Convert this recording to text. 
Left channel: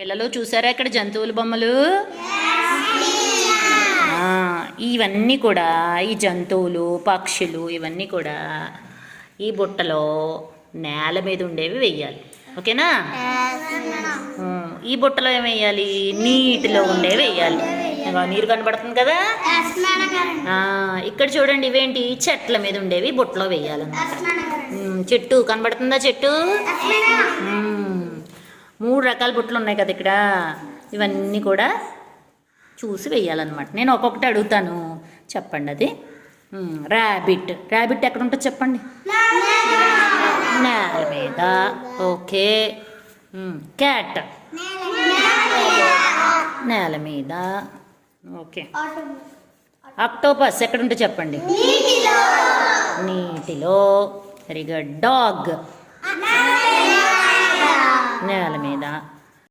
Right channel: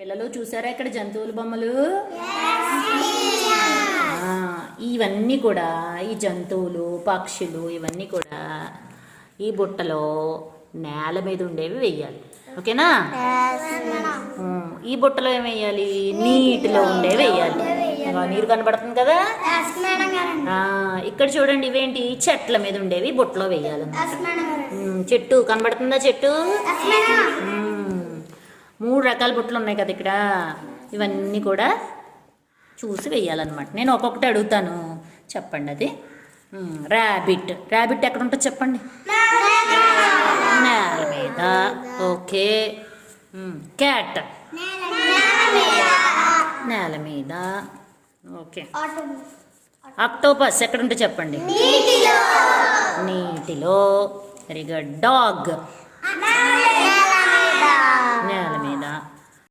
పిల్లలు చూసారా ఇక్కడ జంతువుల బొమ్మలు? ఇవన్నీ కూడా ఈ జంతువులు పక్షులు ఇవన్నీ కూడా ఈ బుట్టలో నేల మీద ఉండేవి వెయ్యాలి. ఓకేనా? ఈ బుట్టలో ఏం వేయాలి? నీటిలో ఉండేవి వేయాలి. నీరు కనబడుతుంది కదా. ఇక్కడ చూడండి, ఇవేంటి? చెట్ల మీద ఉండేవి బుట్టలో వేయాలన్నమాట. చెట్టు కనబడుతుందా? చెట్టు 3 రకాల బుట్టలు ఉన్నాయి కదా ఇక్కడ. ఇవన్నీ కూడా చూసి వేయాలన్నమాట. నేను ఒక్కొక్కటి అడుగుతాను, చెప్పండి అది. ర్యాబిట్. ర్యాబిట్ ఎక్కడ ఉంటుందో చెప్పండి. నేల మీద. ఓకే. క్యాట్ నేల మీద. ఓకే. ఆక్టోపస్ ఎక్కడ ఉంటుందో చెప్పండి. నీటిలో. Very good. డాగ్